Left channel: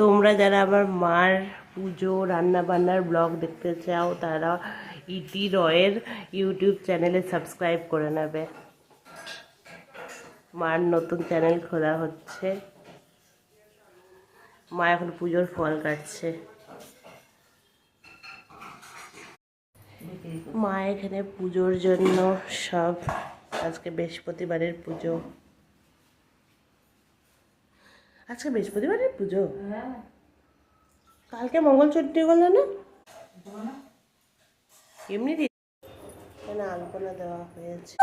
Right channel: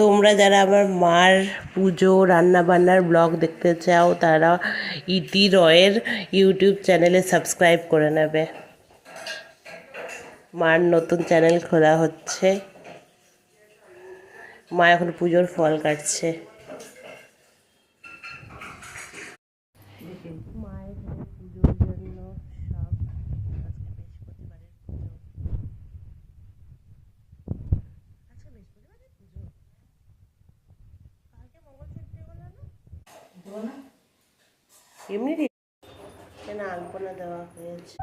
তোমরা যারা আমার মার পুজো রান্নাবান্নার ব্লগ দেখতে চাও তারা ইতি রয়ের ইউটিউব চ্যানেলে সাবস্ক্রাইব করে নেবে। মার নতুন চ্যানেল খোলা হচ্ছে। মা এখন পুজোর ফল কাটছে। মা এখানে পুজোর জন্য সব, আজকে বৃহস্পতিবারের পুজো। আজকে বৃহস্পতিবারের পুজো, কালকে মঙ্গল চণ্ডী করলো না? এমনি কেন আলপনা দেওয়া হয়েছে।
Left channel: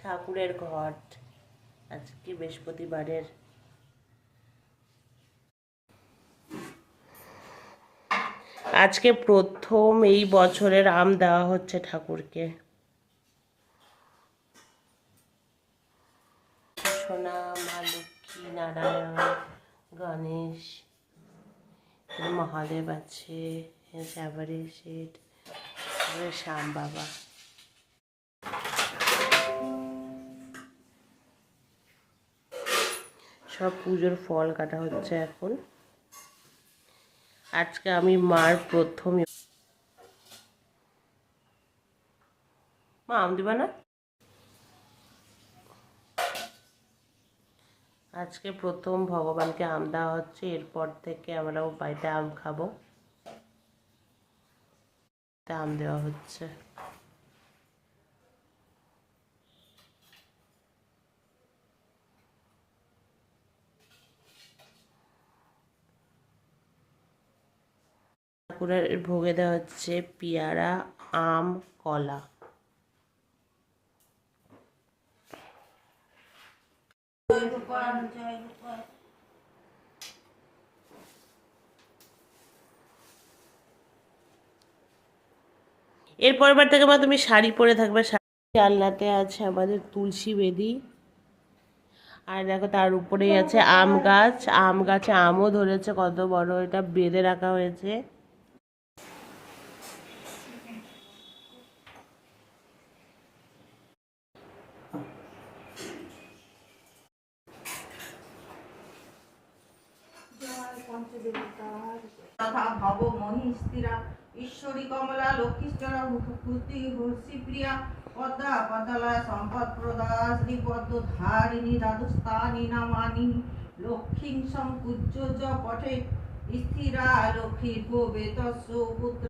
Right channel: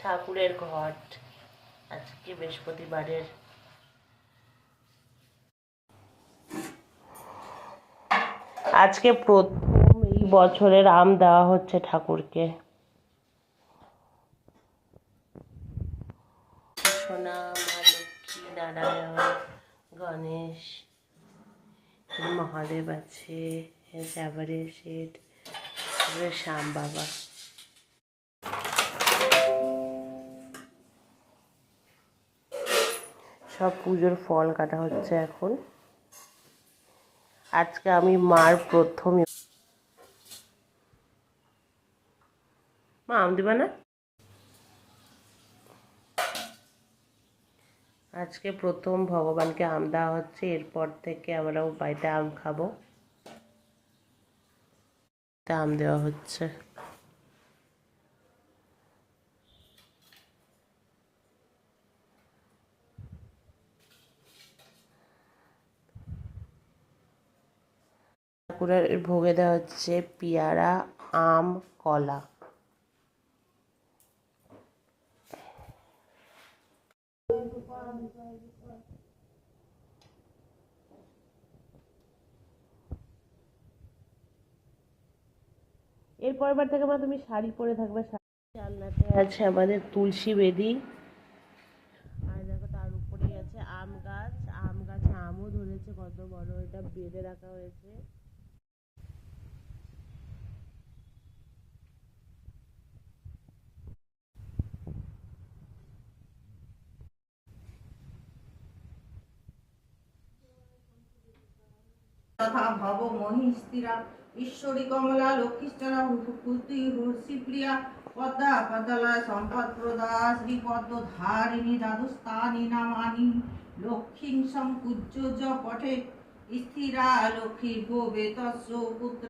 ঠাকুরের ঘট আজকে বৃহস্পতিবারের। আজকে প্রথম এই বছরের আম দেওয়া হচ্ছে ঠাকুরকে। সোনা, মা লক্ষ্মী, নারায়ণ, গণেশ, মহাদেব আছে, শ্যাবরের শেঠ, শ্যাম বাবা। সব পুজোর ফল কাটা হচ্ছে এখন। আজকে আমি মার প্রথম। মা আম দিবা না? আজকে প্রথম ভগবানকে আম দেওয়া হচ্ছে, এরপর থেকে আমরাও বাড়িতে আম খাবো। আম দেওয়া হচ্ছে। ঠাকুরের ভোগে দেওয়া হচ্ছে পেয়ারা, আম, কলা। এরপর বার থেকে মা তুমি শাড়ি পরে থাকবে। জানলাতে আছে আমাদের তুলসী বেদি, আর দেখো তার উপরেই আছে আম গাছ। আম গাছে আমও ধরেছে, কত বড়, এটা বেঁধে রাখা হয়েছে। তথা ভব মহিস্তিরা ঈশ্বরী কমলা লক্ষ্মীশ্বরা ভূতি হর্ষিপ্রিয়া পদ্মা পদলায় সম্পদ প্রদা শ্রীপদ্ম ধারিণী দ্বাদস্থানি নামানি লক্ষ্মীং সম্পূজ্য য পঠে স্থিরা লক্ষ্মী ভবে তস্য পুত্র